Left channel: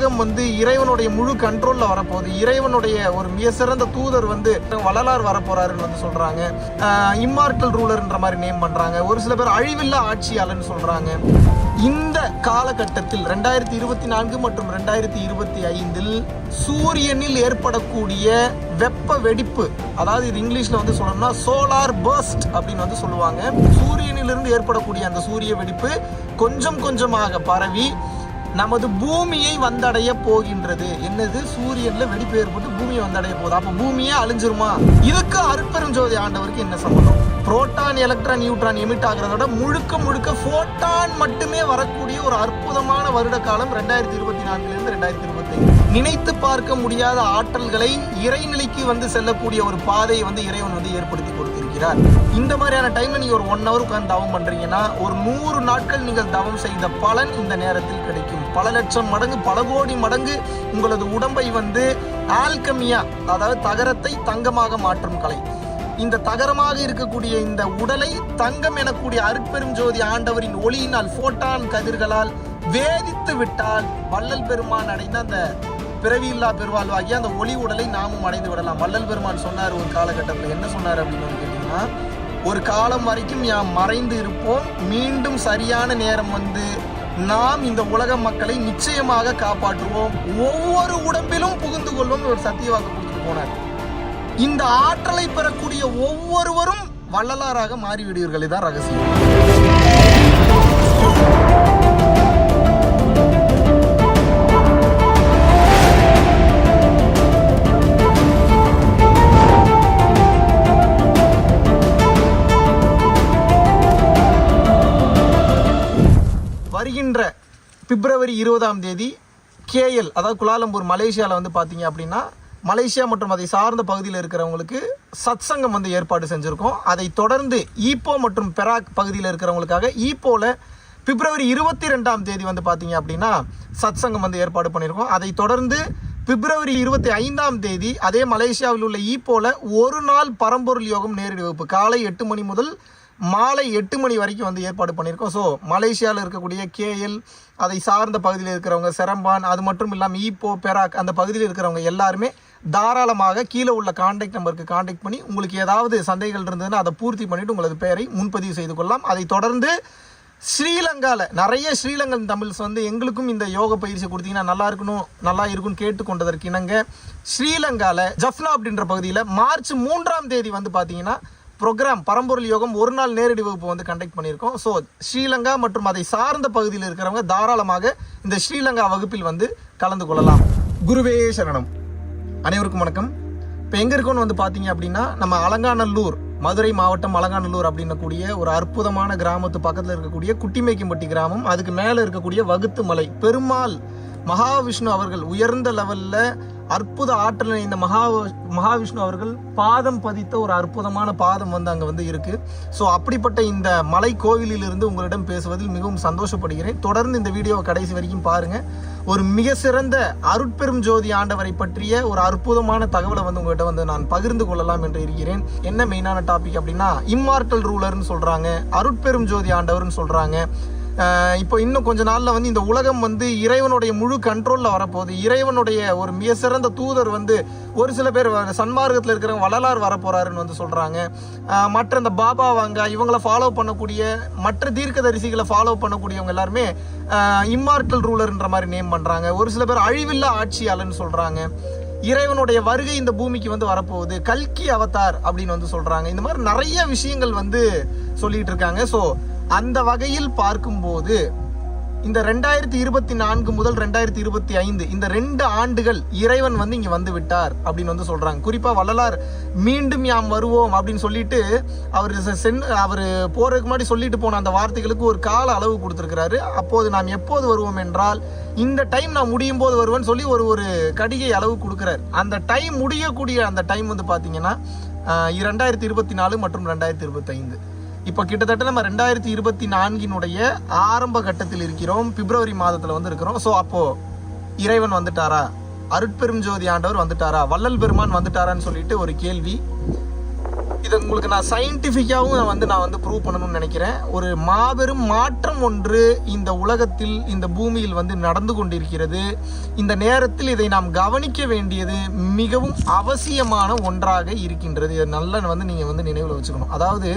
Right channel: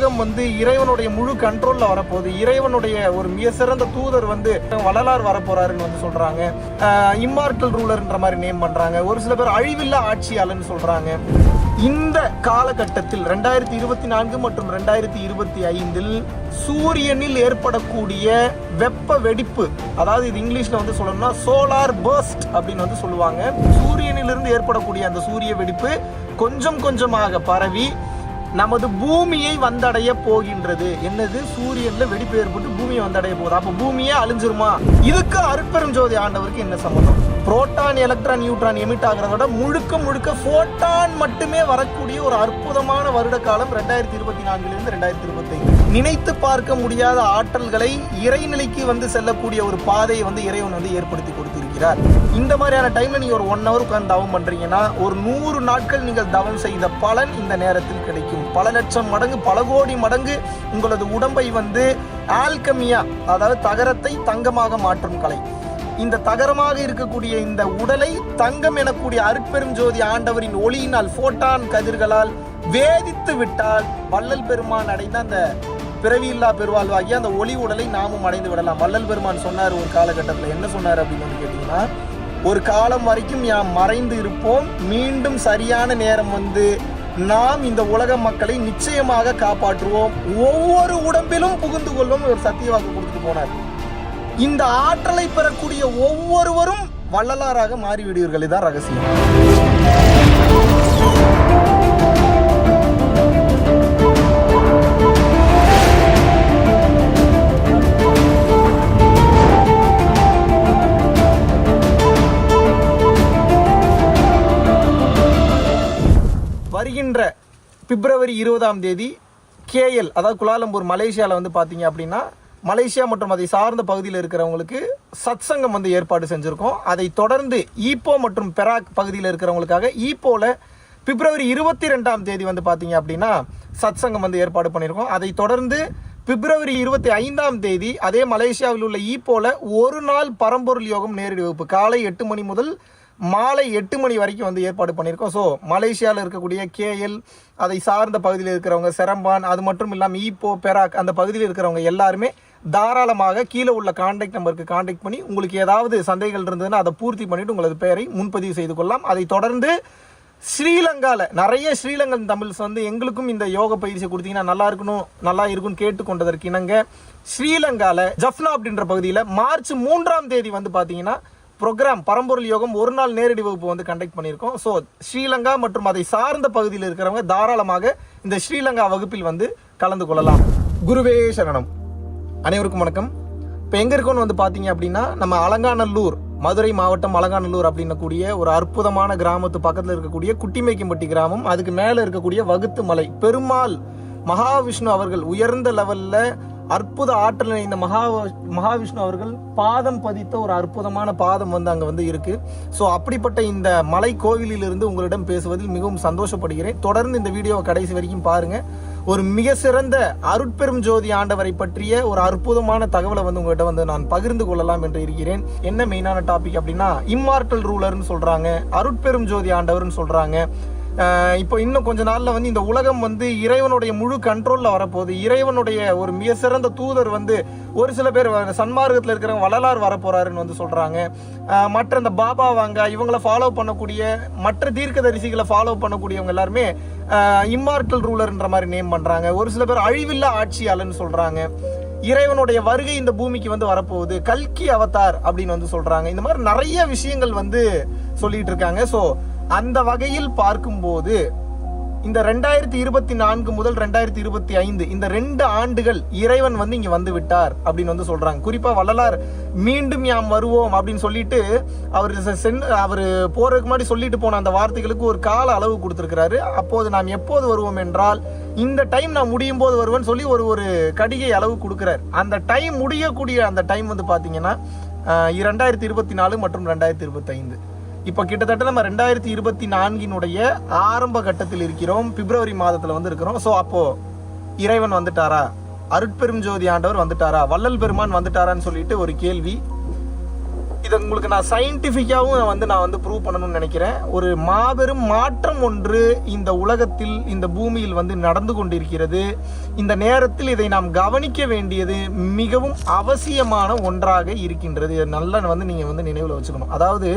உலகம் வந்து இறைவனுடைய முழு கண்ட்ரோல்ல வரப்போகுது. இறைவனுடைய ஒரு மிக சிறந்த தூதர் வந்து வள்ளலார் வரப்போறாருன்னு வந்து சொல்றாங்க. இம்மார்டல் ரூலர்ன்ற மாதிரி நேம் பண்றாங்க. ஒரு சில பேர் அழிவில்லா ஆட்சியாளர்னு சொல்றாங்க. இந்த காலகட்டத்தில் 2024 மற்றும் 2025 சூரியனில் ஏற்படக்கூடிய வெப்ப வெடிப்பு, அதாவது இது இங்கிலீஷ்ல வந்து சொல்லணும்னா சோலார் பர்ஸ்ட் அப்படின்னு வந்து சொல்லுவாங்க. சூரியனிலிருந்து ஏற்படக்கூடிய அந்த சூரிய வெடிப்பு கொஞ்சம் கொஞ்சமாக பரவி நமது பூமியை வந்தடைய போகின்றது. என்னது? சூரியன்ல வெடிப்பு ஏற்பட்டு பூமியை வந்தடைய போகுது. அப்ப பூமியே அழிஞ்சிருமா? இதுக்கு அருட்பெருஞ்சோதி ஆண்டவருக்கு என்ன சம்பந்தம்? புரோட்டான், எலக்ட்ரான், நியூட்ரான் எமிட் ஆகிறதோட முழுக்க முழுக்க போட்டான் மட்டுமே வரக்கூடிய ஒரு அற்புதமான வருட காலம் 2024 2025. நினைத்து பார்க்க முடியாத ஆற்றல்களை இறைநிலைக்கு வந்து செல்லக்கூடிய ஒரு பாதையை வந்து இறைவன் வந்து ஏற்படுத்தி கொடுத்திருக்கிறார். இந்த மாதிரியான டைம்ல நீங்க ஒரு 1 hour உட்கார்ந்து தவம் பண்றீங்கன்னா ஒரு 100 நாட்கள் நீங்கள் தவம் செய்த பலன் இந்த நேரத்தில் கிடைக்கும். பல லட்சம் மடங்கு, பல கோடி மடங்கு உங்களது உடம்பை வந்து ஆல்கமியா, அதாவது தகரத்தை தங்கமாக மாற்றும் கலை. இந்த தகரமாக இருக்கக்கூடிய இந்த உடலை தங்கம் எனக்கூடிய அருட்பெருஞ்சோதி ஆண்டவரின் ஒளியினால், போட்டான் கதிர்களால் வேதித்து விட்டால் வள்ளல் பெருமான் அடைந்த அந்த பிறவியில்லா பெருவாழ்வாகிய அந்த ஒளி உடலை நாமும் அடைந்து விடலாம். வள்ளல் பெருமான் சொன்னார் ஒரு காலகட்டத்தில். என்ன சொன்னார் அப்படின்னு கேட்டீங்கன்னா, ஒரு காலம் வரைக்கும் யாம் மறைந்து இருப்போம், மீண்டும் சரியான நேரம் வந்து நாம் இந்த உலக மக்களை நிச்சயமாக காப்பாற்றுவோம், ஒவ்வொரு உடம்பிலும் புகுந்து கொள்ளும் ஒரு சத்திய வாக்கு கொடுத்துட்டு போனார். இந்த ஆற்றலை பெறக்கூடிய ஒவ்வொருவரும் வள்ளலாராக மாறிவிடுவீர்கள். இதுதான் ரகசியம். வருகின்ற பிப்ரவரி 20 KL, அதாவது குலாலம்பூர் மலேசியாவில் வந்து பார்த்தீங்க அப்படின்னா, மலேசியா மற்றும் அதை சார்ந்த பகுதியில் இருக்கிறவங்களுக்கு சத்சங்கம் வந்து ஏற்பாடு செஞ்சுருக்கோம். அதை தொடர்ந்து ஈப்போ மற்றும் பெராக் பகுதியில் இருக்கிறவங்களுக்காக ஈப்போவில் பிப்ரவரி 22 வந்து பார்த்தீங்க அப்படின்னா சத்சங்கம் வந்து ஏற்பாடு பண்ணியிருக்கோம். அதை தொடர்ந்து பிப்ரவரி 25 அதே மலேசியாவில் உள்ள ஈப்போவில் ஒரு நாள் பரம்பொருள் யோகம் நேரடி வகுப்பு காலை 8 மணி முதல் மாலை 8 மணி வரைக்கும் வந்து ஏற்பாடு பண்ணியிருக்கோம். ஸோ மலேசியாவில் இருக்கக்கூடிய KL, அதை சார்ந்த பகுதியில் இருக்கிறவங்க, செரம்பான், அது மட்டும் இல்லாமல் ஈப்போ, பெராக் அந்த பகுதியில் இருக்கிறவங்க எல்லாருமே தாராளமாக கீழே உள்ள கான்டாக்ட் நம்பருக்கு கான்டாக்ட் பண்ணி உங்களுக்கு ஏதாவது சந்தேகங்கள் இருந்ததுன்னா அதை பூர்த்தி பண்ணிட்டு உங்களது பெயரை முன்பதிவு செய்து கொள்ளலாம். அதை தொடர்ந்து ஸ்ரீலங்காவில் நிறைய ஸ்ரீலங்கன் தமிழ்ஸ் வந்து எங்களுக்கும் இந்த யோக பயிற்சி கொடுத்தீங்கன்னா நல்லா இருக்கும்னு கேட்டுக்கொண்டதற்கு இணங்க ஸ்ரீலங்காவில் ஜஃப்னா அப்படின்ற பகுதியில் மார்ச் 3 வந்து பார்த்தீங்கன்னா ப்ரோக்ராம் பரம்பொருள் யோகம் ஒரு நாள் நேரடி வகுப்பு வந்து கண்டக்ட் பண்ணியிருக்கோம். ஸோ ஸ்ரீலங்கா மற்றும் அதை சார்ந்த பகுதியில் இருக்கிறவங்க தாராளமாக இந்த ஸ்ரீலங்கா வகுப்பில் வந்து கலந்து கொள்ளலாம். குருவே சரணம். அனைவருக்கும் வணக்கம். இப்போ எங்கே இருக்கோன்னு வந்து பார்த்தீங்க அப்படின்னா, நம்ம அலங்காநல்லூர், மதுரை மாவட்டம் அலங்காநல்லூர் அப்படின்னக்கூடிய ஒரு அற்புதமான கிராமத்து பக்கத்தில் இருக்கக்கூடிய குட்டிமேக்கம்பட்டி கிராமம். அதுக்கு மேலே இருக்கக்கூடிய வகுத்து மலை பெருமாள் மகாவிஷ்ணு அவர்கள் உயர்ந்த லெவலில் அற்புத ஆற்றல் இந்த மகாவிஷ்ணு அவர்கள் பாதம் பதித்த ஒரு அற்புதமான பாதம் வந்து அங்கே வந்து இருக்கு. ஸோ அப்படிப்பட்ட இந்த மலை கோவிலில் இருந்து உங்களிடம் பேசுவதில் மிகவும் சந்தோஷப்படுகிறேன். தொடர்ந்து இந்த வீடியோவை கடைசி வரைக்கும் பாருங்க. ஒரு மிக சிறந்த அருட்பெரும் ஜோதி ஆண்டவரை பற்றிய ஒரு அற்புதமான தகவலை வந்து உங்கள்கிட்ட வந்து நான் பகிர்ந்து கொள்ளலாம் என்று இருக்கிறேன். என்ன மெயினான டாபிக் அப்படின்னா, இம்மார்டல் ரூலர்னு சொல்றாங்க, அருட்பெரும் ஜோதி ஆண்டவர்னு சொல்றாங்க. இப்போ இன்னும் கொஞ்ச நாள்ல வந்து இந்த உலகம் வந்து இறைவனுடைய முழு கண்ட்ரோல்ல வரப்போகுது. இறைவனுடைய ஒரு மிக சிறந்த தூதர் வந்து ஒரு சில பேர் சன்மார்க்கத்தில் இருக்கிறவங்க வள்ளலார் வரப்போறாருன்னு வந்து சொல்றாங்க. மற்ற இந்த பாபா வாங்க இவங்களை ஃபாலோ பண்ணக்கூடிய மற்ற தீர்க்கதரிசிகளை ஃபாலோ பண்ணக்கூடியவங்க எல்லாருமே இம்மார்டல் ரூலர்ன்ற மாதிரி நேம் பண்றாங்க. ஒரு சில பேர் அழிவில்லா ஆட்சியாளர்னு சொல்றாங்க. இறைவனுடைய வருகை இந்த பூமிக்கு வந்து வரப்போகுது, கல்கி அவதார் அப்படின்னு வந்து சொல்றாங்க. இந்த மாதிரி நிறைய விஷயங்கள் வந்து சொல்லிட்டு இருக்காங்க. ஸோ அந்த வகையில் பார்க்கும்போது இந்த 2024 முதல் 2025 இந்த 2 ஆண்டுகள் இறைவன் வந்து இங்க வந்து விட்டார் அப்படின்னு வந்து சொல்றாங்க. குறிப்பா வள்ளலார் மீண்டும் யாம் வருவோம் அப்படின்னு சொல்லிட்டு அவர் போறதுக்கு முன்னாடி சொல்லிட்டு போன அந்த வார்த்தைகளுக்கு ஒரு கால அளவு கொடுத்திருக்கிறாரு. அப்போது நாம் எப்போது வருவோம் என்றால், இந்த டைம் நான் முடியும் போது வருவேன்னு சொல்லி ஒரு கடிகை அளவு கொடுக்கிறார். அந்த டைம் முடியக்கூடிய அந்த டைம் வந்து பாத்தீங்கன்னா 2024 மற்றும் 2025. இப்போ கிட்டத்தட்ட நம்ம 2024 ஆரம்ப கட்டத்தில் இருக்கிறோம். பிப்ரவரி மாதத்துல வந்து இருக்கிறோம். ஸோ அப்போ இறைவன் வந்துட்டாரா, அருட்பெரும் ஜோதி ஆண்டவர் வந்துட்டாரா, வள்ளல் பெருமான் வந்துட்டாரான்னு சொல்லிட்டு ஒரு கேள்வி. இதை உங்களுக்கு நான் சயின்டிஃபிக்காவும் நான் ப்ரூவ் பண்ணணும்னு நினைக்கிறேன். ஒரு மாபெரும் மாற்றம் ஒன்று இந்த உலகத்தில், இந்த பூமியில் நடந்து கொண்டிருக்கிறது. இந்த நேரத்தில் இதை நாம் கவனிக்க வேண்டியது மிகவும் அவசியமான ஒன்றாக இருக்கின்றது. இதை நல்லா நீங்க நினைவில் வச்சுக்கணும். அதாவது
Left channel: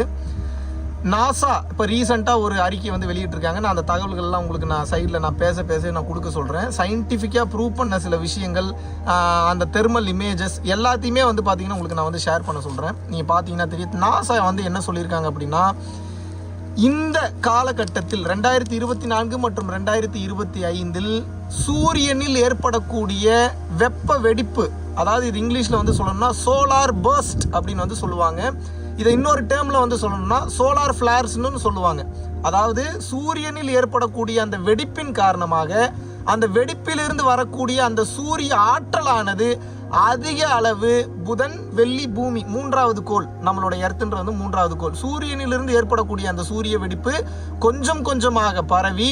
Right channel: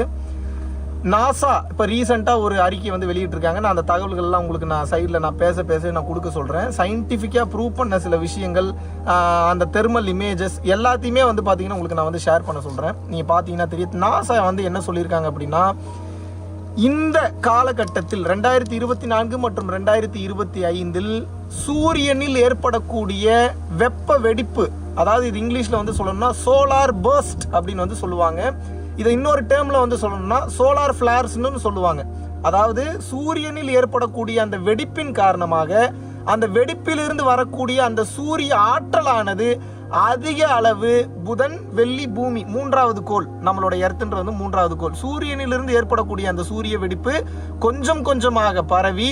நாசா இப்போ ரீசெண்டாக ஒரு அறிக்கை வெளியிட்டிருக்காங்க. நான் அந்த தகவல்கள்லாம் உங்களுக்கு நான் சைடில் நான் பேச நான் கொடுக்க சொல்கிறேன். சயின்டிஃபிக்காக ப்ரூவ் பண்ண சில விஷயங்கள், அந்த தெர்மல் இமேஜஸ் எல்லாத்தையுமே பார்த்தீங்கன்னா உங்களுக்கு நான் ஷேர் பண்ண சொல்கிறேன். நீங்கள் பார்த்தீங்கன்னா தெரியும். நாசா என்ன சொல்லியிருக்காங்க அப்படின்னா, இந்த காலகட்டத்தில் 2024 மற்றும் 2025 சூரியனில் ஏற்படக்கூடிய வெப்ப வெடிப்பு, அதாவது இது இங்கிலீஷில் சொல்லணும்னா சோலார் பர்ஸ்ட் அப்படின்னு சொல்லுவாங்க. இதை இன்னொரு டேர்ம்ல சொல்லணும்னா சோலார் ஃபிளார்ஸ்னு சொல்லுவாங்க. அதாவது சூரியனில் ஏற்படக்கூடிய அந்த வெடிப்பின் காரணமாக அந்த வெடிப்பிலிருந்து வரக்கூடிய அந்த சூரிய ஆற்றலானது அதிக அளவு புதன், வெள்ளி, பூமி, மூன்றாவது கோள், நம்மளோட எர்த்ன்றது மூன்றாவது கோள், சூரியனிலிருந்து ஏற்படக்கூடிய அந்த சூரிய வெடிப்பு கொஞ்சம் கொஞ்சமாக பரவி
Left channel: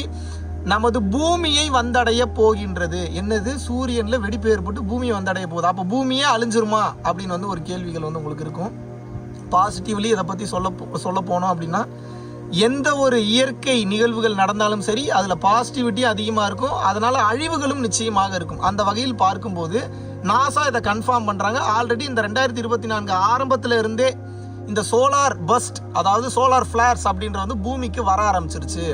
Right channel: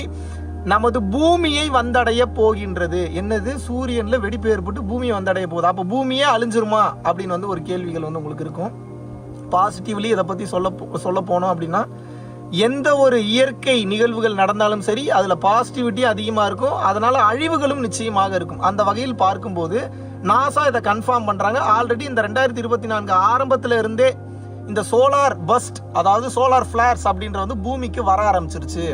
நமது பூமியை வந்தடைய போகின்றது. என்னது, சூரியன்ல வெடிப்பு ஏற்பட்டு பூமியை வந்தடைய போகுது. அப்ப பூமியே அழிஞ்சிருமா அப்படின்னு ஒரு கேள்விகள் உங்களுக்கு இருக்கும். பாசிட்டிவ்லி இதை பற்றி சொல்ல போனோம் அப்படின்னா, எந்த ஒரு இயற்கை நிகழ்வுகள் நடந்தாலும் சரி அதில் பாசிட்டிவிட்டி அதிகமாக இருக்கும். அதனால அழிவுகளும் நிச்சயமாக இருக்கும். அந்த வகையில் பார்க்கும்போது நாசா இதை கன்ஃபார்ம் பண்ணுறாங்க. ஆல்ரெடி இந்த 2024 ஆரம்பத்தில் இருந்தே இந்த சோலார் பஸ்ட், அதாவது சோலார் ஃபிளார்ஸ் அப்படின்றது பூமிக்கு வர ஆரம்பிச்சிருச்சு.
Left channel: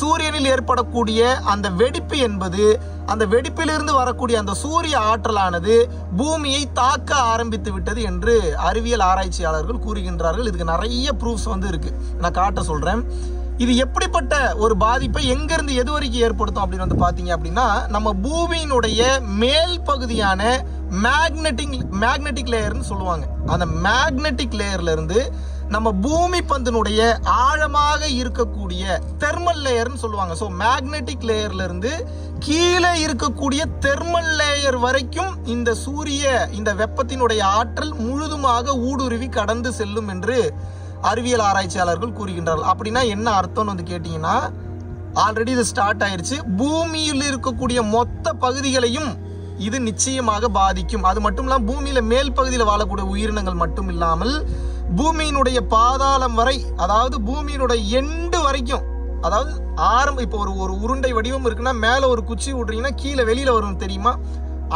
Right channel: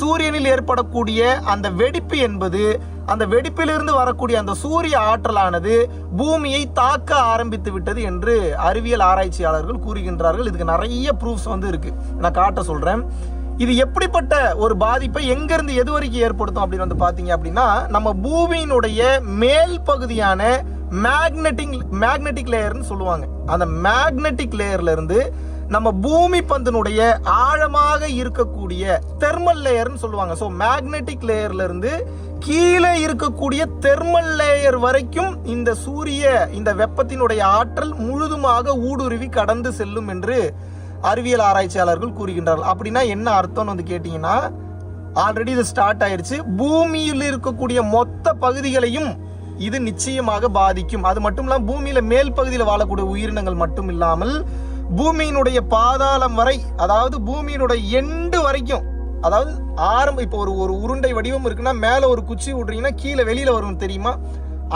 சூரியனில் ஏற்படக்கூடிய அந்த வெடிப்பு என்பது, அந்த வெடிப்பிலிருந்து வரக்கூடிய அந்த சூரிய ஆற்றலானது பூமியை தாக்க ஆரம்பித்து விட்டது என்று அறிவியல் ஆராய்ச்சியாளர்கள் கூறுகின்றார்கள். இதுக்கு நிறைய ப்ரூஃப்ஸ் இருக்கு, நான் காட்ட சொல்றேன். இது எப்படிப்பட்ட ஒரு பாதிப்பை எங்கிருந்து எது வரைக்கும் ஏற்படுத்தும் அப்படின்னு பாத்தீங்க அப்படின்னா, நம்ம பூமியினுடைய மேல் பகுதியான மேக்னெட்டிக் லேயர்னு சொல்லுவாங்க. அந்த மேக்னெட்டிக் லேயர்ல இருந்து நம்ம பூமி பந்தினுடைய ஆழமாக இருக்கக்கூடிய தெர்மல் லேயர்னு சொல்லுவாங்க. ஸோ மேக்னெட்டிக் லேயர்ல இருந்து கீழே இருக்கக்கூடிய தெர்மல் லேயர் வரைக்கும் இந்த வெப்பத்தினுடைய ஆற்றல் முழுதுமாக ஊடுருவி கடந்து செல்லும் என்று அறிவியல் ஆராய்ச்சியாளர்கள் கூறுகின்றார்கள். அப்படின்னா என்ன அர்த்தம் கேட்டீங்கன்னா, ஆல்ரெடி இது ஸ்டார்ட் ஆயிருச்சு. பூமியில் இருக்கக்கூடிய மொத்த பகுதிகளையும் இது நிச்சயமாக பாதிக்கும். அது மட்டும் இல்லாமல் பூமியில மேல் பகுதியில் வாழக்கூடிய உயிரினங்கள் மட்டும் இல்லாமல் பூமியினுடைய பாதாளம் வரை, அதாவது பூமியினுடைய எண்டு வரைக்கும், அதாவது இப்போ ஒரு உருண்டை வடிவம் இருக்குன்னா மேல ஒரு குச்சி விடுறீங்கன்னா கீழே வெளியில வரும் தெரியுமா,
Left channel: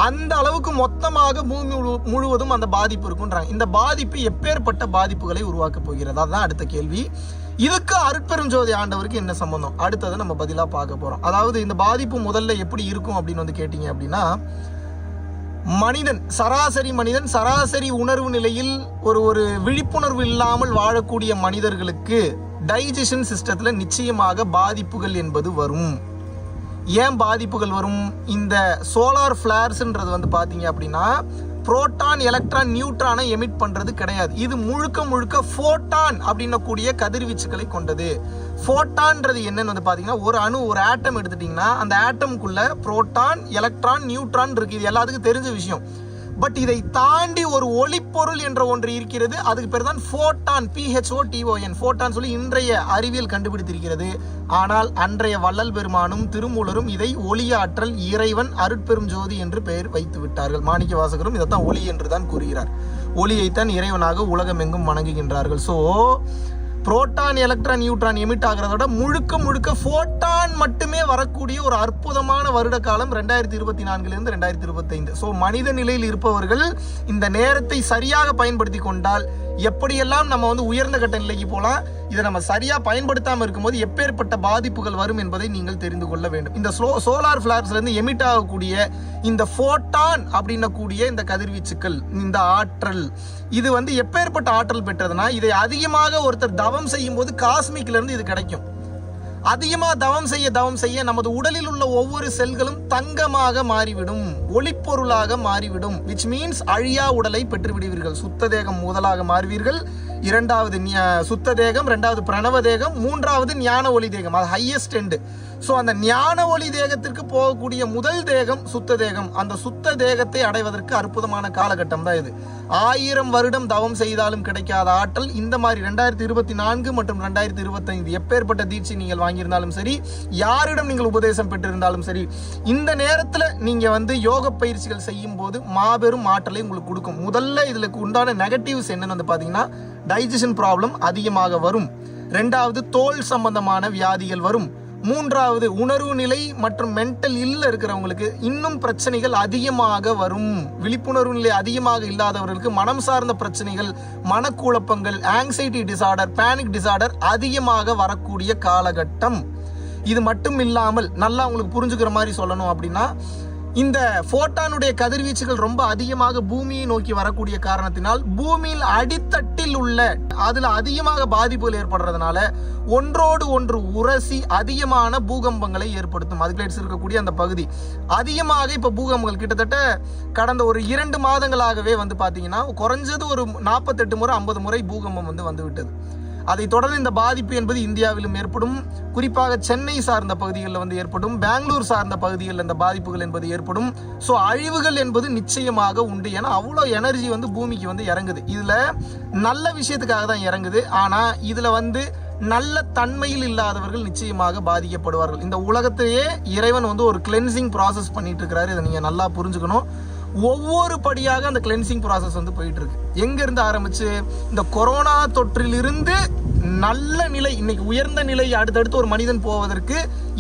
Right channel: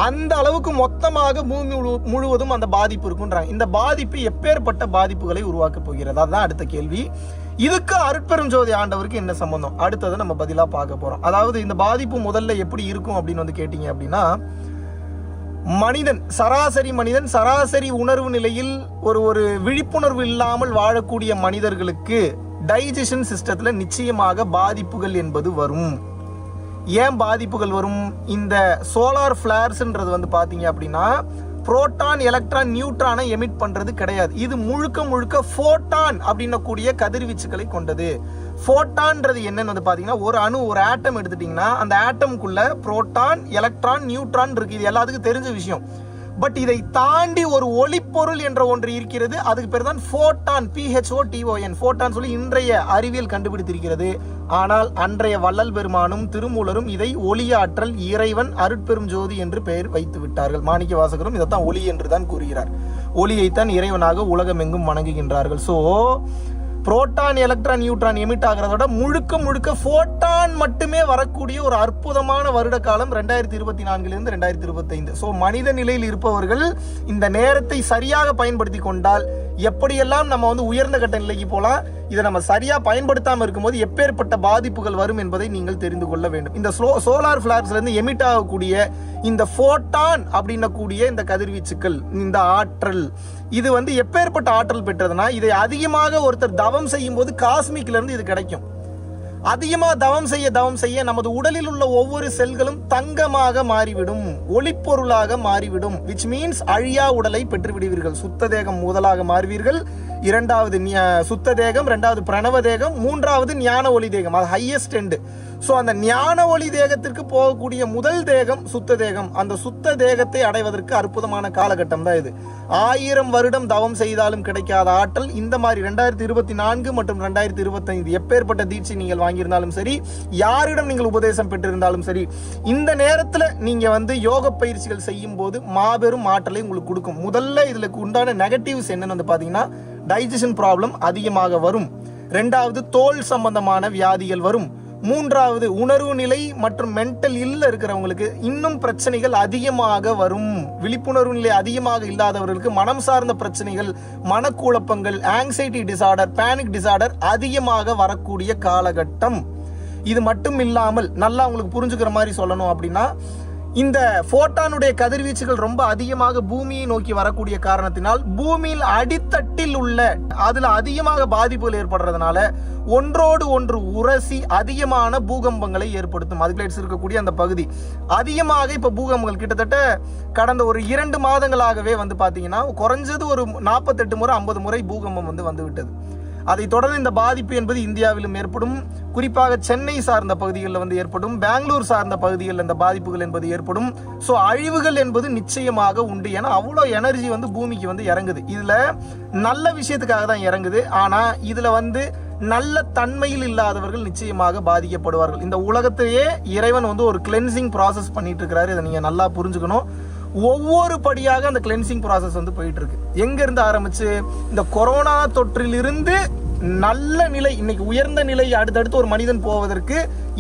அந்த அளவுக்கு மொத்தமாக பூமி முழுவதும் அந்த பாதிப்பு இருக்குன்றாங்க. இந்த பாதிப்பு எப்பேற்பட்ட பாதிப்புகளை உருவாக்க போகிறது, அதுதான் அடுத்த கேள்வி. இதுக்கு அருட்பெருஞ்சோதி ஆண்டவருக்கு என்ன சம்பந்தம், அடுத்ததை நம்ம பதிலா பார்க்க போறோம். அதாவது இந்த பாதிப்பு முதல்ல எப்படி இருக்கும் அப்படின்னு கேட்டீங்க அப்படின்னா, சராசரி மனிதன் சராசரி உணர்வு நிலையில் ஒரு விழிப்புணர்வு இல்லாமல் வாழக்கூடிய மனிதர்களுக்கு டைஜஷன் சிஸ்டத்துல நிச்சயமாக பாதிப்புகள் என்பது வரும். ஏன் பாதிப்புகள் வரும்? இந்த சோலார் ஃபிளார்ஸ்ன்றது பாத்தீங்க அப்படின்னா புரோட்டான், எலக்ட்ரான், நியூட்ரானை எமிட் பண்றது கிடையாது. இது முழுக்க போட்டான் அப்படின்ன கூடிய கதிர்வீச்சுகளை கொண்டது. போட்டான்றது என்னன்னு பாத்தீங்கன்னா, ஒரு அணு, ஒரு ஆட்டம் எடுத்துட்டீங்கன்னா அந்த ஆட்டம்குள்ள புரோட்டான், எலக்ட்ரான், நியூட்ரான் இருக்கு. இது எல்லாத்துக்கும் தெரிஞ்ச விஷயம். பட் இதை தாண்டி ஒரு ஒளிப்பொருள் என்ற ஒன்று இருக்கிறது. அதுக்கு பேர் தான் போட்டான், PHOTON, போட்டான் சொல்லி இன்றைய அறிவியல் கண்டுபிடித்திருக்கிறது. ஆனால் அன்றைய வள்ளல் பெருமானும் திருமூலரும் இதை ஒளியாற்றல், இறைவன், அருட்பெரும் ஜோதி என்று பெயர் வைத்து விட்டார்கள். மாணிக்க வாசகரும் இதைத்தான் ஒளி என்று தான் கூறுகிறார். ஒளியைத்தான் இறைவனாக உலகமெங்கும் வணங்குகின்றார்கள். So proton, electron, neutron emit ஆகிறதோட முழுக்க போட்டான் மட்டுமே வரக்கூடிய ஒரு அற்புதமான வருட காலம் 2024 இருந்து 2025. சோ மனித நிலையில் இருப்பவர்கள் இந்த நேரத்தை சரியாக பயன்படுத்தி கொண்டால் எப்படியெல்லாம் நம்ம உயர்ந்த கட்ட நிலைக்கு போலாம். இதை நம்ம சரியா பயன்படுத்தாம இருக்கும்போது எப்பேற்பட்ட பாதிப்புகள் வரும் என்பதை நீங்கள் தெரிந்து கொள்ள வேண்டும். இந்த சோலார் ஃபிளார்ஸ்ல இருந்து எமிட் ஆகக்கூடிய இந்த போட்டான் அப்படின்ன கூடிய இந்த கதிர்வீச்சுக்கள், இந்த ஆற்றல், இது எப்பேற்பட்ட ஆற்றல் பெற்றதுன்னா, இதை அதிகமாக ஒருத்தர் தவம் செய்யும் போது காஸ்மிக்ல இருந்து இது கிடைக்கும். அதிகமா தவம் செய்ய நமது உடலில் உள்ள ஒவ்வொரு செல்களும் தங்கமாக மாறிவிடும், ஒளிப்பொருளாக மாறிவிடும். விச் மீன்ஸ் அழியா உடலை பெற்று விடுவீர்கள். சுத்த தேகம் முதலாக மாறுவீர்கள், இரண்டாவது சுத்த தேகம், இரண்டாவது பிரணவ தேகம், மூன்றாவது ஞான ஒளி தேகம், அது ஹையஸ்ட் எண்டு. ஸோ அந்த ஞான ஒளி தேகத்திற்கு போகக்கூடிய முதல் தேகம் சுத்த தேகம். அந்த சுத்த தேகத்தை அடைவதற்கு அற்புதமான காலகட்டம் தான் இது. 1000 வருடம் தவம் செய்தாலும் கிடைக்காத ஆற்றல் இந்த மாதிரி 2024 மற்றும் 2025 எப்பேற்பட்ட தீட்சை நீங்கள் வாங்கியிருந்தாலும் சரி, யாரிடம் நீங்கள் உபதேசம் பெற்றிருந்தாலும் சரி, இந்த நேரத்தில் நீங்க வந்து யோக பயிற்சிகள் செய்யும் போது மாபெரும் ஆற்றலை உங்களுக்கு கொடுக்கும். முதல்ல இதுல உண்டான நெகட்டிவ்ஸ் என்னன்னு வந்து பாத்தீங்கன்னா, டைஜஷன் ப்ராப்ளம் அதிகமாக வரும். 2வது தோல் சம்பந்தமான வியாதிகள் வரும். 3வது உணர்வு நிலை மற்றும் மென்டல் இல்ல இருக்கிறவங்களுக்கு இன்னும் பிரச்சனைகள் அதிகமாக வரும். விழிப்புணர்வு நிலை அதிகமாக இல்லாதவர்களுக்கு மனம் சார்ந்த பிரச்சனைகள், மனக்குழப்பங்கள், ஆங்ஸைட்டி டிசார்டர், பேனிக் டிசார்டர் அதிகமாக வரக்கூடிய காலகட்டம். இது மட்டும் இல்லாமல் நல்லா உங்களுக்கு புரிஞ்சுக்கிற மாதிரி சொல்லணும் அப்படின்னா, இந்த போட்டானுடைய கதிர்வீச்சுகள் ரொம்ப அதிகமாக பூமியை நோக்கி வரக்கூடிய காரணத்தினால் பூமியில் அடித்தட்டில் உள்ள அதுல அதிகமாக பாதிப்புகள் ஏற்படுறதுனால ஒன்றோடு ஒன்று உரசி அதிகமான பூகம்பங்களை ஏற்படுத்தும். அதுக்கு இருக்கக்கூடிய அந்த பகுதி அதிகமாக இப்ப பூகம்பங்கள் கிட்டத்தட்ட கடந்த ஒரு 2 மாதங்களாகவே வந்து பாத்தீங்கன்னா குறைஞ்சது ஒரு 48 முறை 50 முறை பூகம்பம் வந்து விட்டது. அதை தொடர்ந்து இந்த பாதிப்பு என்பது இந்தியாவிலும் ஏற்படும். குறிப்பாக சென்னை சார்ந்த பகுதிகளில் வந்து ஏற்படும், பெங்களூர் சார்ந்த பகுதிகளில் இந்த பாதிப்புகள் என்பது ஏற்படும். ஸோ அழிவுகள் என்பது நிச்சயமாக உண்டு. ஏன்னா அவ்வளோ எனர்ஜி வந்து பூமிக்கு வந்து இறங்குது. இதுல நல்ல விஷயத்துக்காக தான் இறங்குது. ஆனா இதுல வந்து நல்ல தன்மையில் இல்லாதவர்கள் நிச்சயமாக பாதிக்கப்படுவார்கள். இந்த உலகத்திலேயே இறைவன் வந்து ஒரு கிளென்சிங் ப்ராசஸ் பண்ணிட்டு இருக்கிறாரு. இதை நீங்க நல்லா புரிஞ்சுக்கணும். ஒவ்வொரு படியாக அந்த கிளென்சிங் ப்ராசஸ் வந்து போயிட்டு இருக்கு. எங்க இருந்து ஆரம்பிச்சு இந்த கொரோனா தொற்றிலிருந்து நல்ல நிலை, இன்னைக்கு உயர்ந்த நிலை அடுத்தடுத்து ஒரு மனிதன் போவதற்கு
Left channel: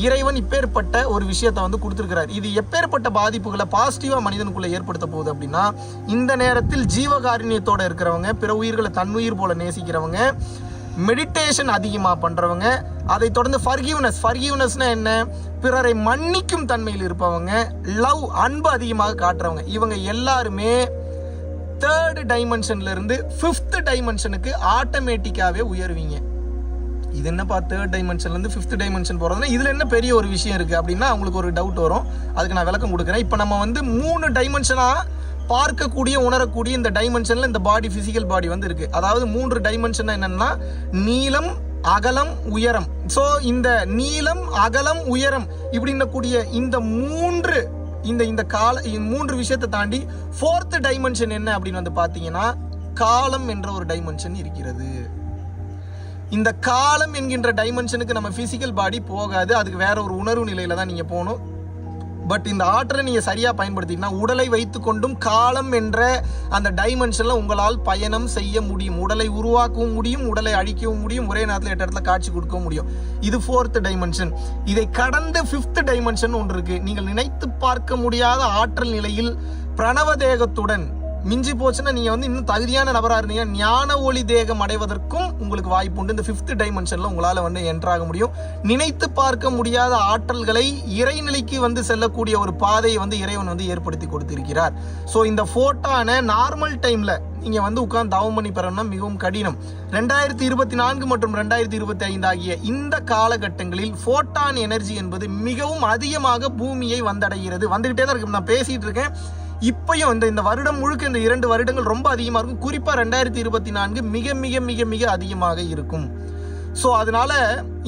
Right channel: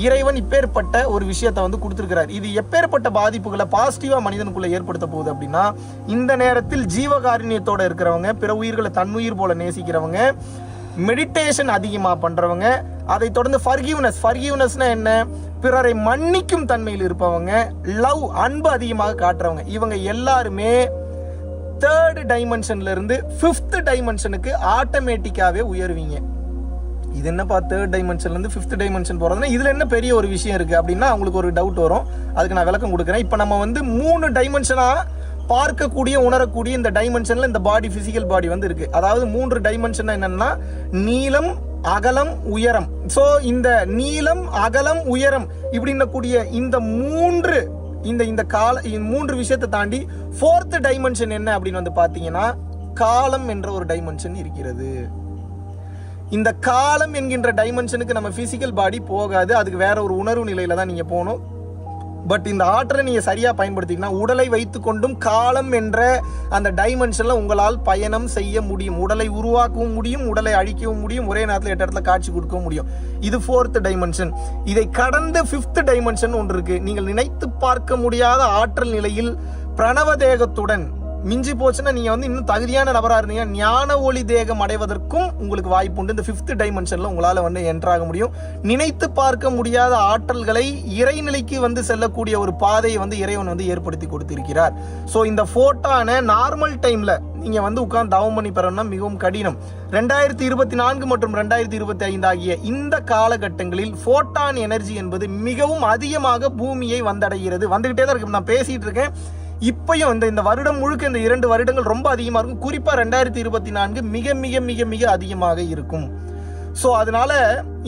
இறைவன் இப்பேற்பட்ட ஒரு விஷயத்தை வந்து கொடுத்திருக்கிறார். இது எப்பேற்பட்ட பாதிப்புகளை பாசிட்டிவா மனிதனுக்குள்ள ஏற்படுத்த போகுது அப்படின்னா, இந்த நேரத்தில் ஜீவகாருண்யத்தோட இருக்கிறவங்க, பிற உயிர்களை தன்னுயிர் போல நேசிக்கிறவங்க, மெடிடேஷன் அதிகமா பண்றவங்க, அதை தொடர்ந்து ஃபர்கிவ்னஸ்னா என்ன, பிறரை மன்னிக்கும் தன்மையில் இருப்பவங்க, லவ் அன்பு அதிகமாக காட்டுறவங்க, இவங்க எல்லாருமே 3rd டைமென்ஷன்ல இருந்து 5th டைமென்ஷனுக்கு ஆட்டோமேட்டிக்காவே உயர்வீங்க. இது என்னப்பா 3rd டைமென்ஷன்ல இருந்து 5th டைமென்ஷன் போறதுன்னா இதுல என்ன பெரிய ஒரு விஷயம் இருக்கு அப்படின்னா அவங்களுக்கு ஒரு டவுட் வரும். அதுக்கு நான் விளக்கம் கொடுக்குறேன். இப்ப நம்ம வந்து 3 டைமென்ஷனா பார்க்கக்கூடிய உணரக்கூடிய இந்த டைமென்ஷன்ல இந்த பாடி, பிசிக்கல் பாடி வந்து இருக்கு. அதாவது 3 டைமென்ஷன் என்னன்னா நீளம், அகலம், உயரம். சோ இந்த நீளம், அகலம், உயரம் இப்படின்னு கூடிய இந்த 3 விஷயத்தை தாண்டி 4th டைமென்ஷன் என்ன அப்படின்னு வந்து பாத்தீங்கன்னா, காலம் என்ற ஒரு டைமென்ஷன் இருக்கிறது. இந்த காலம் என்கின்ற டைமென்ஷனுக்கு நம்ம பிசிக்கல் பாடி போகாது. அதுக்கு வேற ஒரு உணர்வு நிலையில தான் நீங்க போகணும். பட் இந்த ஆற்றலை நீங்க சரியா பயன்படுத்திங்கன்னா உடலை வைத்துக் கொண்டும் காலம் என்ற அந்த டைமென்ஷன்ல உங்களால் பயணம் செய்ய முடியும். உடலை உருவாக்கவும் முடியும், உடலை அழிக்கவும் முடியும், ஒரே நேரத்தில் 8 இடத்துல காட்சி கொடுக்கவும் முடியும். இது 4th டைமென்ஷன். இதை கடந்து 5th டைமென்ஷன் ஒன்று இருக்கு. நீங்கள் நினைத்து பார்க்க முடியாத ஆற்றல் நிலையில் பிரணவ தேகத்துடன் மிஞ்சி போச்சுன்னா நீங்க வந்து இன்னும் தகுதியான நபரா இருந்தீங்க, ஞான ஒளி தேகம் அடைவதற்கும் உங்களுக்கு வாய்ப்பு உண்டு. இந்த 5th டைமென்ஷன்ல உங்களால வந்து என்ட்ராக முடியும். நினைத்து பார்க்க முடியாத ஆற்றல்களை இறைநிலைக்கு வந்து செல்லக்கூடிய ஒரு பாதையை வந்து இறைவன் வந்து ஏற்படுத்தி கொடுத்திருக்கிறார். சோ இந்த போட்டான நார்மல் டைம்ல நீங்க வந்து உட்கார்ந்து தவம் பண்ணி பெறணும்னா மிகவும் கடினம். 2024 மற்றும் 2025 ஆகிய இந்த காலகட்டங்களில் போட்டான் எனர்ஜி என்பது மிகவும் அதிகமாக பூமியை வந்தடைகிறது. வந்துகிட்டே தான் இருக்கு. நான் பேசிட்டு இருக்கேன். இப்பயும் இந்த வருடம் முழுக்க இந்த 2 வருடங்கள் ரொம்ப அதிகமா இருக்கும். குறிப்பா 2024 மிக மிக மிக மிக அதிகமாக இருக்கும். சோ அதனால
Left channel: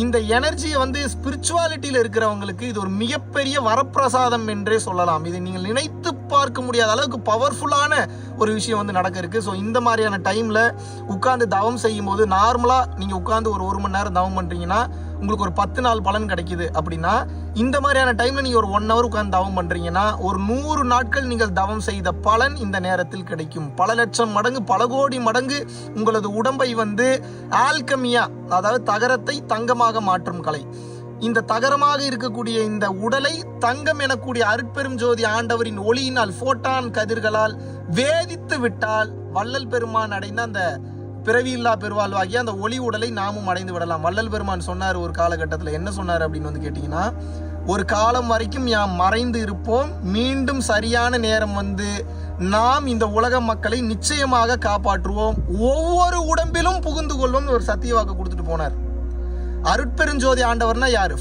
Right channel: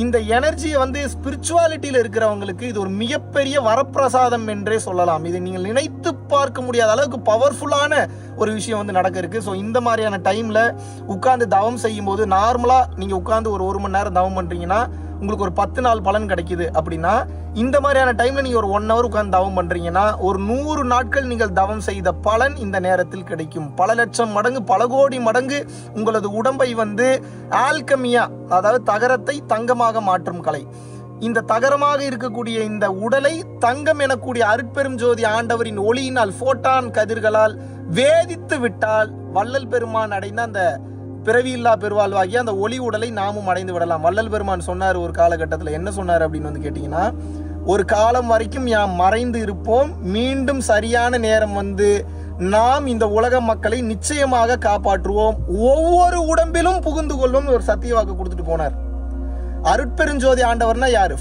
இந்த எனர்ஜியை வந்து ஸ்பிரிச்சுவாலிட்டியில இருக்கிறவங்களுக்கு இது ஒரு மிகப்பெரிய வரப்பிரசாதம் என்றே சொல்லலாம். இதை நீங்கள் நினைத்து பார்க்க முடியாத அளவுக்கு பவர்ஃபுல்லான ஒரு விஷயம் வந்து நடக்க இருக்கு. ஸோ இந்த மாதிரியான டைம்ல உட்கார்ந்து தவம் செய்யும் போது நார்மலா நீங்க உட்கார்ந்து ஒரு 1 மணி நேரம் தவம் பண்றீங்கன்னா உங்களுக்கு ஒரு 10 நாள் பலன் கிடைக்குது அப்படின்னா, இந்த மாதிரியான டைம்ல நீங்க ஒரு 1 hour உட்கார்ந்து தவம் பண்றீங்கன்னா ஒரு 100 நாட்கள் நீங்கள் தவம் செய்த பலன் இந்த நேரத்தில் கிடைக்கும். பல லட்சம் மடங்கு, பல கோடி மடங்கு உங்களது உடம்பை வந்து ஆல்கமியா, அதாவது தகரத்தை தங்கமாக மாற்றும் கலை, இந்த தகரமாக இருக்கக்கூடிய இந்த உடலை தங்கம் எனக்கூடிய அருட்பெரும் ஜோதி ஆண்டவரின் ஒளியினால் போட்டான் கதிர்களால் வேதித்து விட்டால் வள்ளல் பெருமான் அடைந்த அந்த பிறவியில்லா பெருவாழ்வாகிய அந்த ஒளி உடலை நாமும் அடைந்து விடலாம். வள்ளல் பெருமான் சொன்னார் ஒரு காலகட்டத்தில். என்ன சொன்னார் அப்படின்னு வந்து கேட்டீங்கன்னா, ஒரு காலம் வரைக்கும் யாம் மறைந்து இருப்போம், மீண்டும் சரியான நேரம் வந்து நாம் இந்த உலக மக்களை நிச்சயமாக காப்பாற்றுவோம், ஒவ்வொரு உடம்பிலும் புகுந்து கொள்வோம் ஒரு சத்திய வாக்கு கொடுத்துட்டு போனார். அருட்பெருஞ்சோதி ஆண்டவர்னா யாரு?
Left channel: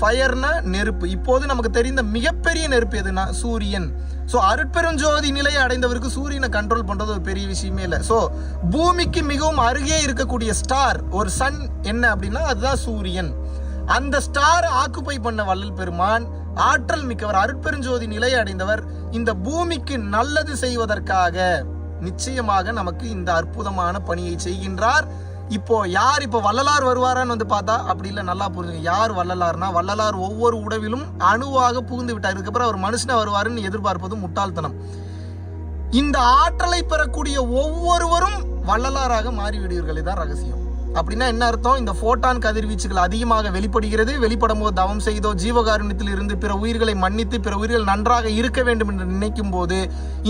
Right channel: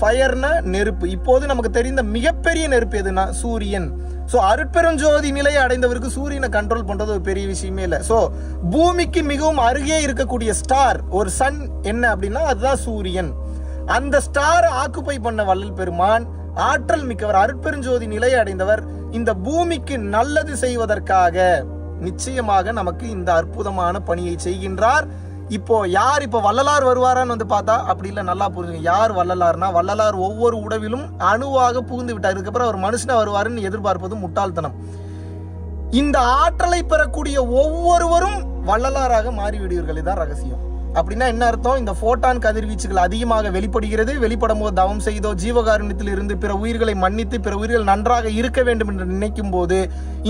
ஃபயர்னா நெருப்பு. இப்போது நமக்கு தெரிந்த மிகப்பெரிய நெருப்பு எதுனா சூரியன். சோ அருட்பெருஞ்சோதி நிலையை அடைந்தவருக்கு சூரியனை கண்ட்ரோல் பண்றது ஒரு பெரிய விஷயமே இல்லை. சோ பூமிக்கு மிகவும் அருகே இருக்கக்கூடிய ஸ்டார், ஒரு சன் என்ன அப்படின்னா அதுதான் சூரியன். அந்த ஸ்டார் ஆக்குபை பண்ண வள்ளல் பெருமான் ஆற்றல் மிக்கவர், அருட்பெருஞ்சோதி நிலை அடைந்தவர். இந்த பூமிக்கு நல்லது செய்வதற்காக நிச்சயமாக நமக்கு இந்த அற்புதமான பணியை செய்கின்றார். இப்போ யார் இப்போ வள்ளலார் வருவாரான்னு வந்து பார்த்தா அப்படி இல்லை. நல்லா புரிஞ்சுங்க, யார் வள்ளலார்னா வள்ளலார் ஒவ்வொரு உடவிலும் அணுவாக புகுந்து விட்டார். இதுக்கப்புறம் அவர் மனுஷனா வருவாருன்னு எதிர்பார்ப்பது முட்டாள்தனம். இந்த ஆற்றலை பெறக்கூடிய ஒவ்வொருவரும் வள்ளலாராக மாறிவிடுவீர்கள். இதுதான் ரகசியம். அப்படின்னா என்ன அர்த்தம்? இந்த போட்டான் கதிர்வீச்சுகள் அதிகமாக வெளிப்படுகிறது. வெளிப்படும் போது தவம் செய்தோ ஜீவகாருண்யத்தில் இருந்து பிற உயிர்களை மன்னித்து பிற உயிர்கள் நன்றாக இருக்க வேண்டும் என்று நினைக்கும் போது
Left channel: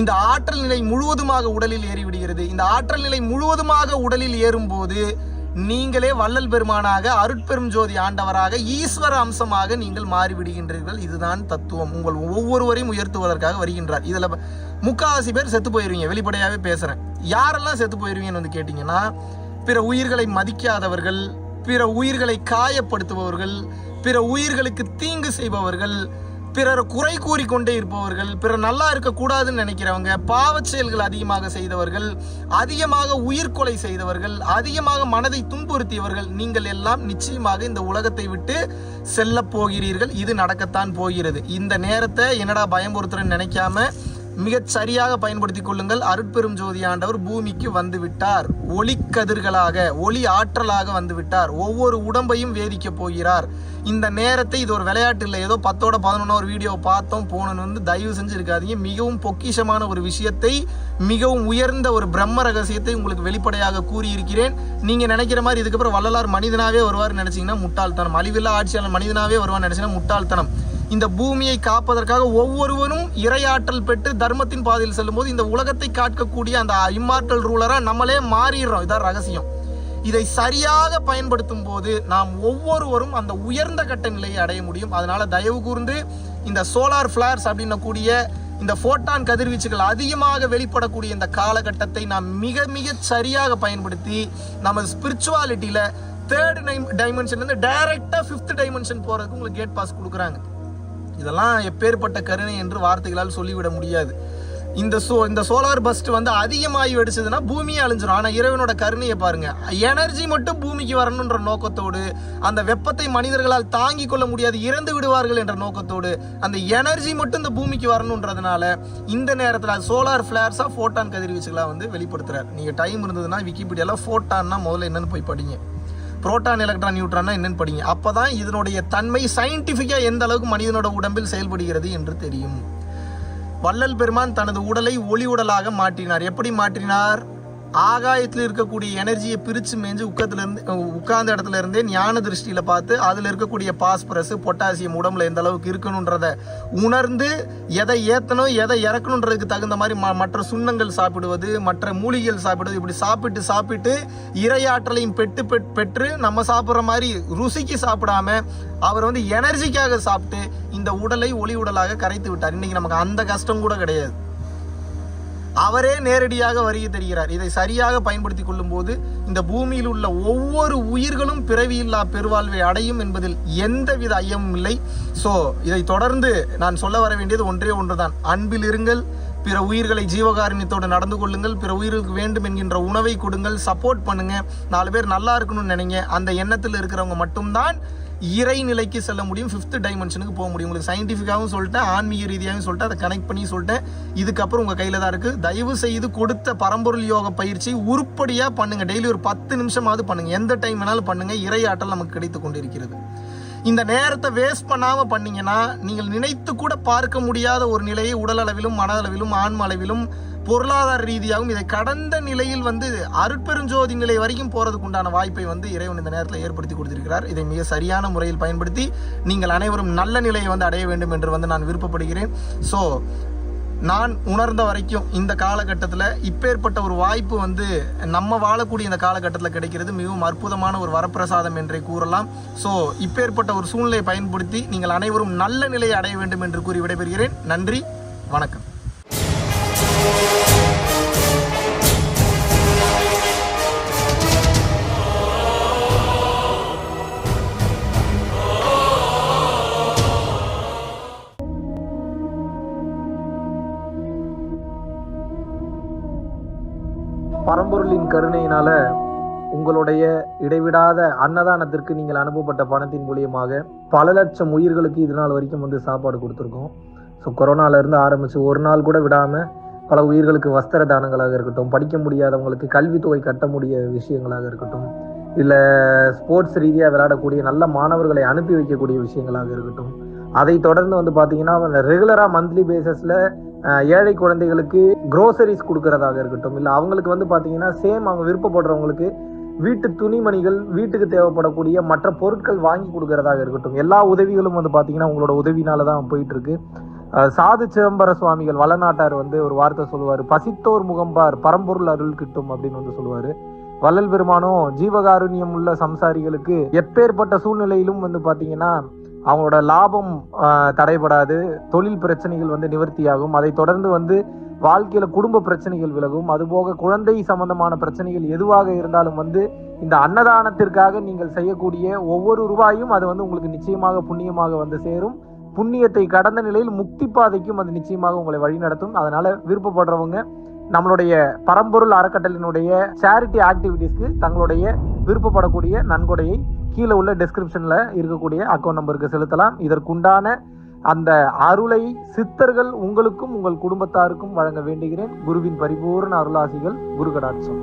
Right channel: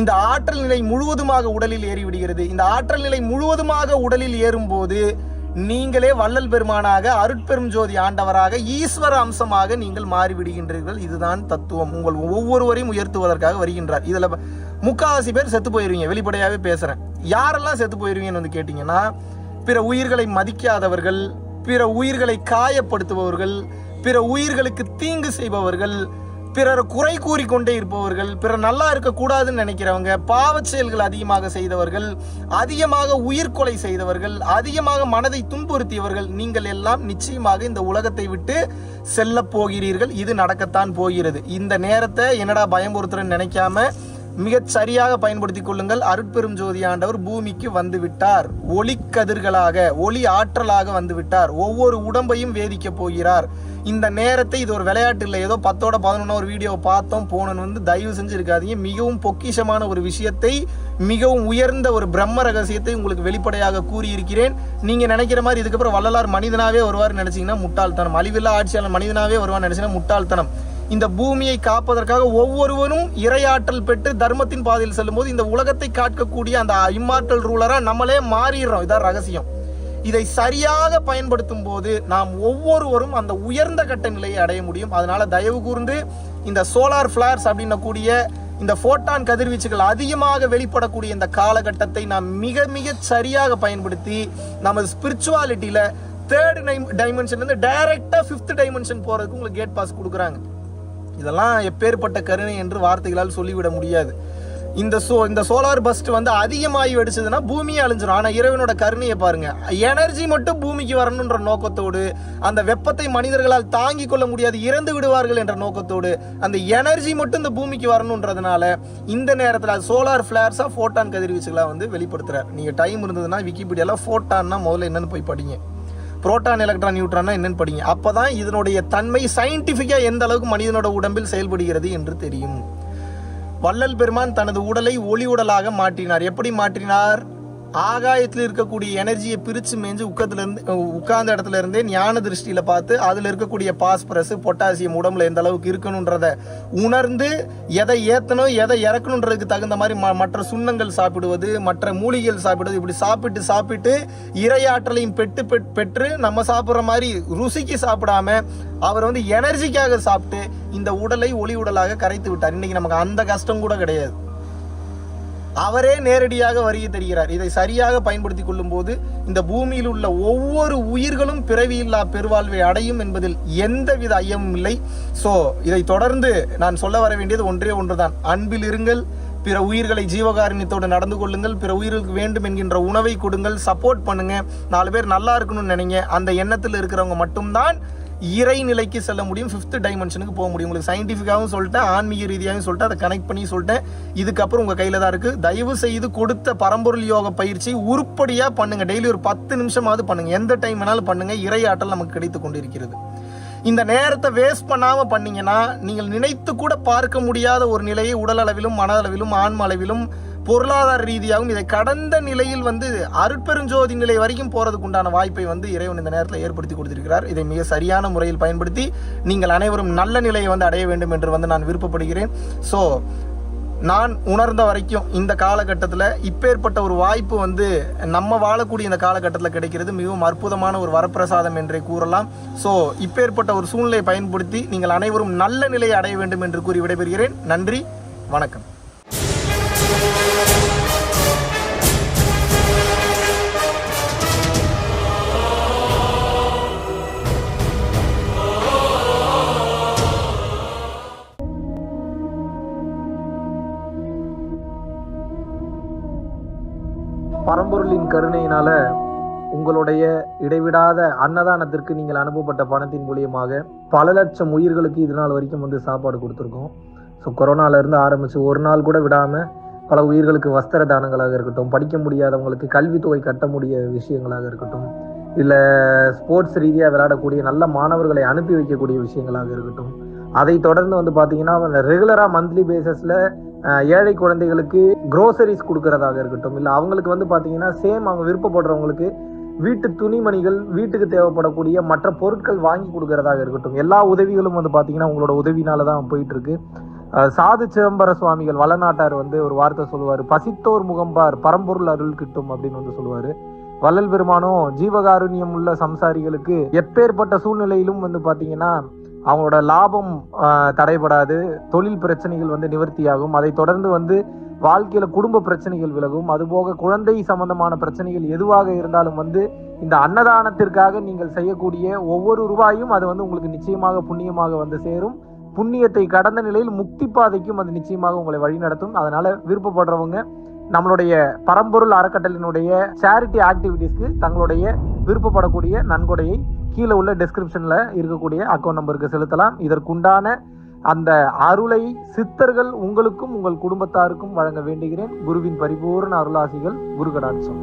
இந்த ஆற்றல் நிலை முழுவதுமாக உடலில் ஏறிவிடுகிறது. இந்த ஆற்றல் நிலை முழுவதுமாக உடலில் ஏறும் போது நீங்களே வள்ளல் பெருமானாக, அருட்பெரும் ஜோதி ஆண்டவராக, ஈஸ்வர அம்சமாக நீங்கள் மாறிவிடுகின்றீர்கள். இதுதான் தத்துவம். உங்கள் ஒவ்வொருவரையும் உயர்த்துவதற்காக வருகின்றார். இதுல முக்காவாசி பேர் செத்து போயிருவீங்க. வெளிப்படையாவே பேசுறேன். யாரெல்லாம் செத்து போயிருவீங்கன்னு வந்து கேட்டீங்கன்னா, பிற உயிர்களை மதிக்காதவர்கள், பிற உயிர்களை காயப்படுத்துபவர்கள், பிற உயிர்களுக்கு தீங்கு செய்பவர்கள், பிறர் குறை கூறிக்கொண்டே இருப்பவர்கள், பிறர் நல்லா இருக்கக்கூடாதுன்னு நினைக்கிறவங்க, பாவச் செயல்கள் அதிகமாக செய்தவர்கள், அதிகமாக உயிர்கொலை செய்தவர்கள், அதிகமாக மனதை துன்புறுத்தியவர்கள், நீங்கள் எல்லாம் நிச்சயமாக இந்த உலகத்தை விட்டு செல்ல போகிறீர்கள். இது நடக்கத்தான் போகிறது. இந்த நேரத்தை என்னடா பயமுறுத்துறேன்னு நினைக்காம மிகச் சரியாக பயன்படுத்திக் கொள்ளுங்கள். அருட்பெரும் ஜோதி ஆண்டவர் பூமிக்கு வந்து விட்டார். ஒளி கதிர்களாக, ஒளி ஆற்றலாக வந்து விட்டார். ஒவ்வொரு உடம்பையும் வேதிக்க போகிறார். இந்த நேரத்தை இது ஒரு விளையாட்டு இல்லை, ஏதோ 10ஓட 11 ஒரு வீடியோ பார்த்தோம் போனோன்னு வந்து தயவு செஞ்சு இருக்காதீங்க. மிகவும் பொக்கிஷமான ஒரு விஷயத்தை, மிகவும் உயர்ந்த ஒரு பிரம்ம ரகசியத்தை உங்களுக்கு வெளிப்படையாக கூறியிருக்கிறேன். நீங்க நினைக்கிற மாதிரி இதுக்கப்புறம் வள்ளலார் மனிதனாவே வருவார் நினைச்சீங்கன்னா முட்டாள்தனம். அழிவில்லா ஆட்சியாளர் மனிதனாவே வருவார் நினைச்சீங்கன்னா முட்டாள்தனம். இந்த பூமியை காப்பதற்காக ஒவ்வொருவரும் இறையாற்றல் பெற்று தர்மத்தின் பாதையில் செல்லும் போது இந்த உலகத்தை காக்கக்கூடிய அந்த இம்மார்டல் ரூலரா நம்மளே மாறிடுறோம். இதான் ரகசியம். இதை சரியாக பயன்படுத்தும் போது நாம் ஒவ்வொருவரும் அந்த உயர்ந்த கட்ட நிலையை அடைய முடியும். அதனால தயவு கூர்ந்து இந்த சோலார் பிளார்ஸ் அப்படின்னு கூடிய இந்த போட்டான் கதிர்வீச்சுகள் அதிகமாக வெளிப்படக்கூடிய இந்த காலகட்டத்தை நாம் மிக மிக சரியாக பயன்படுத்தி நமது ஸ்பிரிச்சுவாலிட்டியில 3rd டைமென்ஷன்ல இருந்து டைரக்டா 5th டைமென்ஷன் போறதுக்கு உங்களுக்கு கேட் பாஸ் கொடுக்குறாங்க. இதெல்லாம் எப்பேற்பட்ட கருணை என்று வார்த்தைகளால் சொல்லிவிட முடியாது. இந்த சோலார் பஸ்ட் வந்து அதிகமாகி வெடிச்சதுன்னா பூமியே அழிஞ்சிடும். ஆனா இறைவனோட கருணையை பாருங்க. எனர்ஜி மட்டும் பூமிக்கு வரணும்ன்ற நோக்கத்தோடு, அந்த வெப்பத்தை மனிதர்களால் தாங்கிக் கொள்ள முடியாது, இறந்து விடுவார்கள் என்ற நோக்கத்தோடு அந்த எனர்ஜி மட்டும் இந்த பூமிக்கு வரணும்ன்றதுனால இந்த நேரத்தில் சோலார் பிளார்ஸா போட்டான் கதிர்வீச்சுகளா வந்து வெளிப்படுத்துறாரு. நீங்க டைம் இருந்ததுன்னா விக்கிபீடியால போட்டான்னா முதல்ல என்னன்னு போய் படிங்க. புரோட்டான், எலக்ட்ரான், நியூட்ரான் என்னன்னு படிங்க. அப்பதான் இதனுடைய தன்மை சயின்டிபிக்கா எந்த அளவுக்கு மனிதனோட உடம்பில் செயல்படுகிறது என்று தெரியும். வள்ளல் பெருமான் தனது உடலை ஒளி உடலாக மாற்றினார். எப்படி மாற்றினார்? ஆகாயத்தில் இருக்கக்கூடிய எனர்ஜியை பிரிச்சு மேஞ்சு உட்கார்ந்த இடத்துல இருந்தே ஞான திருஷ்டியில பார்த்து அதுல இருக்கக்கூடிய பாஸ்பரஸ், பொட்டாசியம் உடம்புல எந்த அளவுக்கு இருக்கணும்ன்றத உணர்ந்து எதை ஏத்தணும் எதை இறக்கணுன்றதுக்கு தகுந்த மாதிரி மற்ற சுண்ணங்கள் சாப்பிடுவது, மற்ற மூலிகைகள் சாப்பிடுவது, இப்படி சாப்பிட்டு இறையாற்றலையும் பெற்று நம்ம சாப்பிட்ற மாதிரி ருசிக்கு சாப்பிடாம அவர் வந்து எனர்ஜிக்காக சாப்பிட்டு இந்த உடலை ஒளி உடலாக கரைத்து விட்டார். இன்னைக்கு நமக்கு அந்த கஷ்டம் கூட கிடையாது. அவரே நேரடியாக வருகை தருகிறார். இதை சரியாக பயன்படுத்திக் கொள்ளும் போது இந்த பூமியில் உள்ள ஒவ்வொரு உயிர்களும் பிறவியில்லா பெருவாழ்வை அடையும் என்பதில் எந்தவித ஐயமும் இல்லை. சோ இதை தொடர்ந்து நான் சொல்ல வர வேண்டியது ஒன்றே ஒன்றுதான். அன்பில் இருங்கள், பிற உயிர்களை ஜீவகாருண்யத்தோடு நடந்து கொள்ளுங்கள், பிற உயிர்களுக்கு வேண்டும் என்கின்ற உணவை கொடுங்கள், சப்போர்ட் பண்ணுங்க, 4 பேர் நல்லா இருக்கணும்னு நினைங்க. அந்த எண்ணத்தில் இருக்கிறவங்க மட்டும்தான் இறை நிலைக்கு செல்ல முடியும், 5th டைமென்ஷனுக்கு போக முடியும். உங்களுக்கு சயின்டிஃபிக்காகவும் சொல்லிட்டேன், ஆன்மீக ரீதியாகவும் சொல்லிட்டேன், அதை கனெக்ட் பண்ணி சொல்லிட்டேன். இதுக்கப்புறம் உங்கள் கையில் தான் இருக்குது. தயவு செய்து கொடுத்த பரம்பொருள் யோக பயிற்சி உருப்படியாக பண்ணுங்க. டெய்லி ஒரு 10 நிமிஷமாவது பண்ணுங்க. எந்த டைம் வேணாலும் பண்ணுங்க. இறை ஆற்றல் நமக்கு கிடைத்து கொண்டிருக்கிறது. இந்த நேரத்தை வேஸ்ட் பண்ணாம பண்ணீங்கன்னா நீங்கள் நினைத்து கூட பார்க்க முடியாத ஒரு நிலையை உடல் அளவிலும், மன அளவிலும், ஆன்ம அளவிலும், பொருளாதார ரீதியாகவும் இதை கடந்த நிலையில் வந்து அருட்பெருஞ்சோதி நிலை வரைக்கும் போறதுக்கு உண்டான வாய்ப்பை வந்து இறைவன் இந்த நேரத்தில் ஏற்படுத்தி கொடுத்திருக்கிறார். இதை மிக சரியான முறையில் பயன்படுத்தி நீங்கள் அனைவரும் நல்ல நிலையை வந்து அடைய வேண்டும் என்று வந்து நான் விருப்பப்படுகிறேன். ஸோ நான் உணர்ந்த வரைக்கும் இந்த காலகட்டத்தில் இப்பேற்பட்ட ஒரு வாய்ப்பு வந்து நம்ம வாழக்கூடிய இந்த காலகட்டத்தில் கிடைக்கிறது மிகவும் அற்புதமான ஒரு வரப்பிரசாதம் என்றே கூறலாம். ஸோ இப்பேற்பட்ட ஒரு சூழ்நிலையை பயன்படுத்தி நீங்கள் அனைவரும் நல்ல நிலையை அடைய வேண்டும் என்று கூறி விடைபெறுகிறேன். நன்றி, வணக்கம். பரம்பொருளின் கருணையினால உங்களுடைய இடைவிடாத அன்னதானத்திற்கு நீங்கள் அனுப்பப்பட்ட பணத்தின் மூலியமாக பல லட்சம் உயிர்களுக்கு இது நாள் வரைக்கும் வந்து சாப்பாடு கொடுத்துருக்கோம். ஸோ கொரோனாலேருந்து ஆரம்பித்து ஒரு நாள் கூட விடாமல் பல உயிர்களுக்கு வஸ்திர தானங்களாக இருக்கட்டும், படிக்க முடியாதவங்களுக்கு கல்வித்தொகை கட்ட முடிய விஷயங்களாக இருக்கட்டும், இல்லை ஸ்போர்ட்ஸ் ரீதியாக விளையாடக்கூடிய நல்ல மாணவர்களை அனுப்பி வைக்கக்கூடிய விஷயங்களாக இருக்கட்டும், அதை தொடர்ந்து வந்து பார்த்தீங்கன்னா ரெகுலராக மந்த்லி பேசிஸில் ஏழை குழந்தைகளுக்கு க்ரோசரிஸ் கொடுக்கறதாக இருக்கட்டும், இல்லை அவங்களுக்கு வந்து பார்த்தீங்கன்னா சேம் அவங்க விருப்பப்படுறவங்களுக்கு வீட்டு துணிமணிகள், வீட்டுக்கு தேவைப்படக்கூடிய மற்ற பொருட்கள் வாங்கி கொடுக்கறதாக இருக்கட்டும், எல்லா உதவிகளும் வந்து பார்த்தீங்கன்னா உங்களோட உதவினால தான் போயிட்டு இருக்கு. சாது சிதம்பர சுவாமிகள் வளநாட்டார் வந்து ஒரு வார்த்தை சொல்லுவார், பசித்தோர் முகம்பார் பரம்பொருள் அருள் கிட்டும் அப்படின்னு வந்து சொல்லுவார். வள்ளல் பெருமானும் ஜீவகாருண்யம் உள்ள சம்சாரிகளுக்கு எப்பேற்பட்ட சூழ்நிலையிலும் வந்து பார்த்தீங்கன்னா அவங்களோட லாபம் தடைபடாது, தொழில் பிரச்சனைகள் வந்து நிவர்த்தியாகும், அதை தொடர்ந்து வந்து வாழ்க்கையில குடும்ப பிரச்சனைகள் விலகும், அதுபோக குழந்தை சம்பந்தமான பிரச்சனைகள் எதுவாக இருந்தாலும் வந்து இந்த அன்னதானத்திற்காக நீங்கள் செய்யக்கூடிய ஒவ்வொரு ரூபாயும் அது வந்து உங்களுக்கு நிச்சயமாக புண்ணியமாக வந்து சேரும். புண்ணியத்தை கடந்த நிலையில் முக்தி பாதைக்கும் அது நிச்சயமாக உங்களை வழிநடத்தும். அதனால விருப்பப்படுறவங்க நம்மளுடைய பரம்பொருள் அறக்கட்டளையினுடைய சேரிட்டி ஆக்டிவிட்டீஸ்க்கு தங்களுடைய விருப்பப்படக்கூடிய நன்கொடையை கீழே உள்ள டிஸ்கிரிப்ஷன்ல இருக்கக்கூடிய அக்கௌண்ட் நம்பருக்கு செலுத்தலாம். இதற்குண்டான அந்த அருளை சித்தர்கள் உங்களுக்கும் உங்கள் குடும்பத்தாருக்கும் வழங்க வேண்டுகிறேன். குருவின் பரிபூர்ண அருளாசிகள். குரு கடாட்சம்.